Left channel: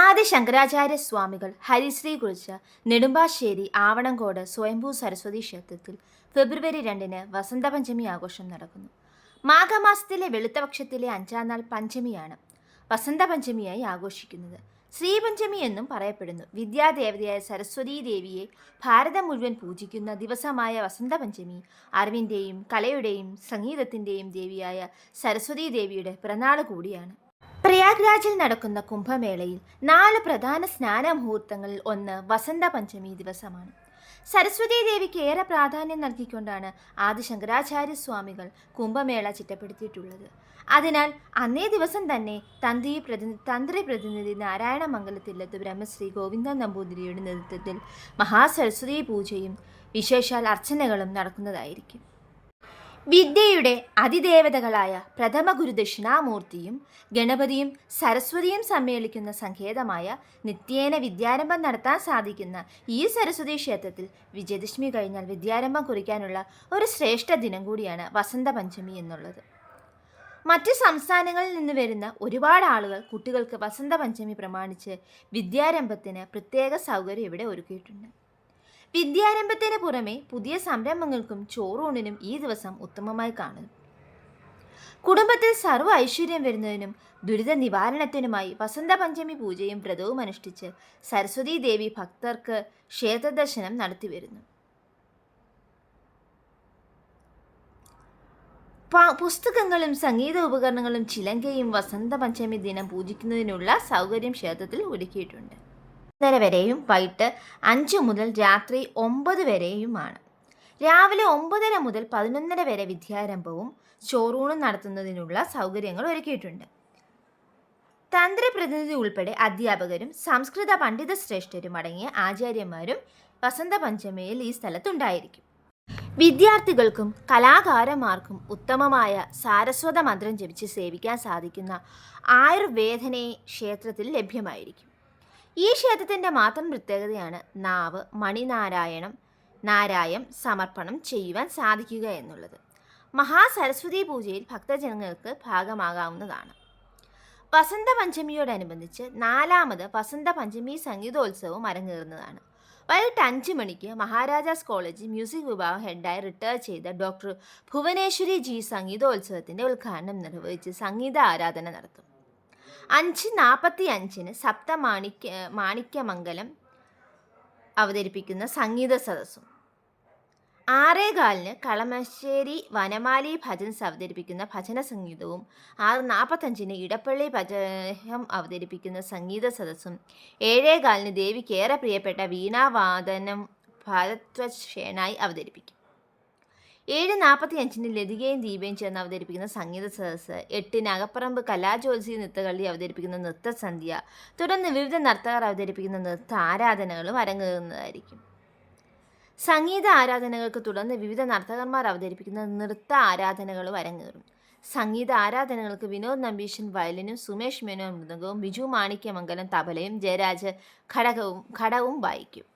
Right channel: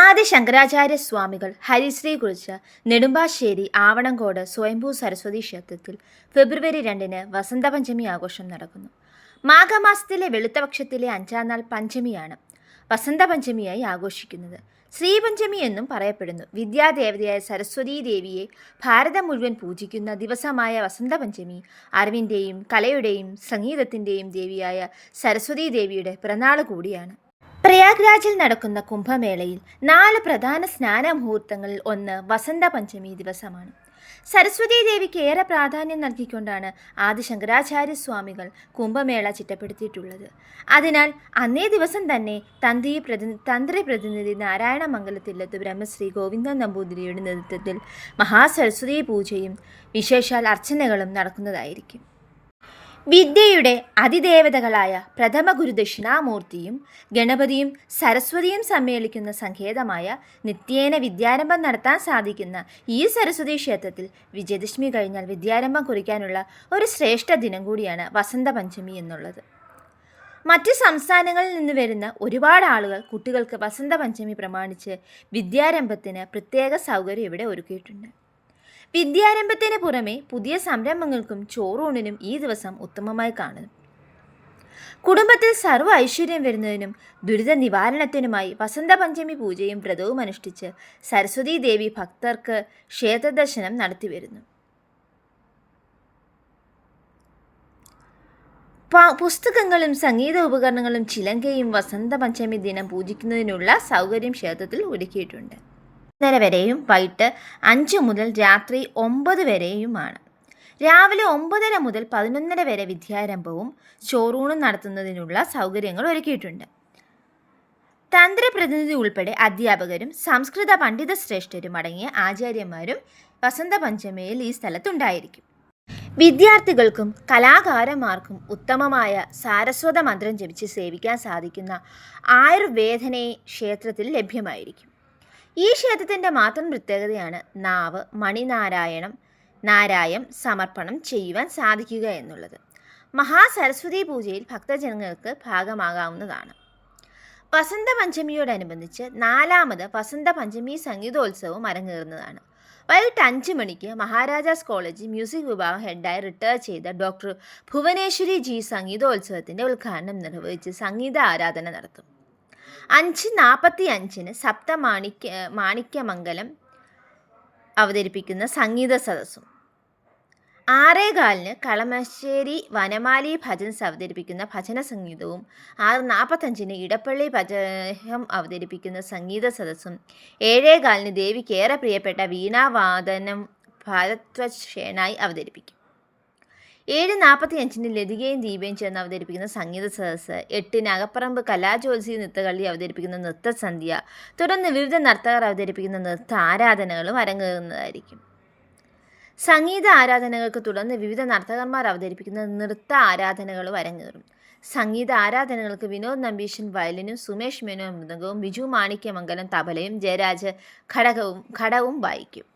ആദി ശങ്കരാചാര്യ സ്വാമികൾ ഹരിശ്രീ കുറിച്ച് നെടുമ്പാശ്ശേരി ആവണങ്കോട് സ്വയംഭൂ സരസ്വതി ക്ഷേത്രത്തിൽ ഫെബ്രുവരി 2-ന് വസന്തപഞ്ചമി ആഘോഷം നടക്കുന്നു. മാഘമാസത്തിലെ വെളുത്തപക്ഷത്തിലെ 5-ാം നാൾ പഞ്ചമിയാണ് വസന്തപഞ്ചമിയായി ആഘോഷിക്കുന്നത്. ശ്രീപഞ്ചമി എന്നും പറയപ്പെടുന്നു. വിദ്യാദേവതയായ സരസ്വതീ ദേവിയെ ഭാരതം മുഴുവൻ പൂജിക്കുന്ന ദിവസമായ വസന്തപഞ്ചമി അറിവിൻ്റെയും കലയുടെയും സംഗീതത്തിൻ്റെയും ദേവിയായ സരസ്വതീ ദേവിയുടെ പിറന്നാൾ കൂടിയാണ്. പ്രയാഗ്രാജിൽ നടക്കുന്ന കുംഭമേളയിൽ 4 പ്രധാന സ്നാന മുഹൂർത്തങ്ങളിൽ ഒന്ന് വസന്ത പഞ്ചമി ദിവസമാണ്. സരസ്വതീ ദേവിക്ക് ഏറെ പ്രാധാന്യം നൽകിക്കൊണ്ടാണ് ആദി ശങ്കരാചാര്യ സ്വാമികൾ കുംഭമേള ചിട്ടപ്പെടുത്തിയിട്ടുള്ളത്. അതിനാൽ അന്നേ ദിവസം തന്നെ തന്ത്രി പ്രതിനിധി നാരായണമംഗലത്തില്ലത്ത് ബ്രഹ്മശ്രീ ഗോവിന്ദൻ നമ്പൂതിരിയുടെ നേതൃത്വത്തിൽ മഹാസരസ്വതീ പൂജയും വിശേഷാൽ അർച്ചനകളും നടക്കുന്നതായിരിക്കും. വിദ്യയുടെ അതിദേവതകളായ പ്രഥമ ഗുരു ദക്ഷിണാമൂർത്തിയും ഗണപതിയും സരസ്വതിയും സമ്മേളിക്കുന്ന സങ്കേതമായ നിത്യേന വിദ്യാരംഭം നടത്താൻ സാധിക്കുന്ന ഈ സരസ്വതി ക്ഷേത്രത്തിൽ വിജയദശമി കഴിഞ്ഞാൽ വിദ്യാരംഭം കുറിക്കാനുള്ള ഒരു ശ്രേഷ്ഠ ദിനം കൂടിയാണ് വസന്തപഞ്ചമി എന്നുള്ളത്. മറ്റ് സംസ്ഥാനങ്ങളിൽ നിന്ന് വരുന്ന ഒരുപാട് ആളുകൾ കുട്ടികൾക്ക് വസന്തപഞ്ചമി പ്രമാണിച്ച് വിദ്യാരംഭത്തിന് പ്രത്യേക സൗകര്യം ഇവിടെ ഒരുക്കിയിട്ടുണ്ട്. വിദ്യാരംഭത്തിന് പുറമെ പുതിയ സംരംഭങ്ങൾക്കും ചോറൂണിനും ഈ ദിവസം ഉത്തമമായി കാണുന്നു. കുടുംബത്തിൽ സർവ്വ ഐശ്വര്യം വരുന്നതിനും ദുരിത നിവാരണത്തിനുമായി വസന്തപഞ്ചമി പൂജയും വ്രതവും അനുഷ്ഠിച്ച് സരസ്വതീ ദേവി ഭക്തർക്ക് ക്ഷേത്രദർശനം നടത്തിവരുന്നു. പുസ്തകങ്ങളും സംഗീത ഉപകരണങ്ങളും ചിലങ്കയും വസന്തപഞ്ചമി ദിനം പൂജിക്കുന്നതിനുള്ള സൗകര്യം ക്ഷേത്രത്തിൽ ഒരുക്കിയിട്ടുണ്ട്. 5:30 വരെയും വൈകിട്ട് 5 മുതൽ രാത്രി 9 വരെയുമാണ്. രാവിലെ 9:30 മുതൽ 11:30 വരെ വിദ്യാരംഭവും ചോറൂണും നടത്തുന്നതിനുള്ള സൗകര്യങ്ങൾ ഒരുക്കിയിട്ടുണ്ട്. തന്ത്രി പ്രതിനിധി ഉൾപ്പെടെ അധ്യാപകരും സംസ്കൃത പണ്ഡിത ശ്രേഷ്ഠരും അടങ്ങിയ ആചാര്യന്മാരും വസന്തപഞ്ചമിയിൽ ഈ സ്ഥലത്തുണ്ടായിരിക്കും. വിദ്യാർത്ഥികൾക്കും കലാകാരന്മാർക്കും ഉത്തമമായ സാരസ്വത മന്ത്രം ജപിച്ച് സേവിക്കാൻ സാധിക്കുന്ന ആയുർവേദനെ ക്ഷേത്രത്തിൽ ലഭ്യമായിരിക്കും. ഈ ക്ഷേത്രത്തിൻ്റെ മാത്രം പ്രത്യേകതയാണ് നാവ് നാരായം സമർപ്പണം ചെയ്യുവാൻ സാധിക്കുക എന്നുള്ളത്. മഹാസരസ്വതി പൂജയിൽ ഭക്തജനങ്ങൾക്ക് ഭാഗമാകാവുന്നതാണ്. വസന്തപഞ്ചമിയോടനുബന്ധിച്ച് 4ാമത് വസന്തപഞ്ചമി സംഗീതോത്സവം അരങ്ങേറുന്നതാണ്. വൈകിട്ട് 5 മണിക്ക് മഹാരാജാസ് കോളേജ് മ്യൂസിക് വിഭാഗം ഹെഡായി റിട്ടയർ ചെയ്ത ഡോക്ടർ ഭുവനേശ്വരി ജി സംഗീതോത്സവത്തിൻ്റെ ഉദ്ഘാടനം നിർവഹിച്ച് സംഗീത ആരാധന നടത്തും. 5:45-ന് മാണിക്യമംഗലം അവതരിപ്പിക്കുന്ന സംഗീത സദസ്സും 6:15-ന് കളമശ്ശേരി വനമാലി ഭജൻസ് അവതരിപ്പിക്കുന്ന ഭജന സംഗീതവും 6:45-ന് ഇടപ്പള്ളി ഭജനം അവതരിപ്പിക്കുന്ന സംഗീത സദസ്സും 7:15-ന് ദേവിക്ക് ഏറെ പ്രിയപ്പെട്ട വീണാവാദനം ഭാരദ്വാജ് ഷേണായി അവതരിപ്പിക്കും. 7:45-ന് ലതികയും ദീപയും ചേർന്ന് അവതരിപ്പിക്കുന്ന സംഗീത സദസ്സ്, 8-ന് അകപ്പറമ്പ് കലാജ്യോത്സി നൃത്തകള്ളി അവതരിപ്പിക്കുന്ന നൃത്തസന്ധ്യ, തുടർന്ന് വിവിധ നർത്തകർ അവതരിപ്പിക്കുന്ന നൃത്ത ആരാധനകളും അരങ്ങേറുന്നതായിരിക്കും. സംഗീത ആരാധനകൾക്ക് തുടർന്ന് വിവിധ നർത്തകന്മാർ അവതരിപ്പിക്കുന്ന നൃത്ത ആരാധനകളും അരങ്ങേറും. സംഗീത ആരാധനകൾക്ക് വിനോദ് നമ്പീശൻ വയലിനും സുമേഷ് മേനോൻ മൃദംഗവും ബിജു മാണിക്യമംഗലം തബലയും ജയരാജ് ഘടവും വായിക്കും.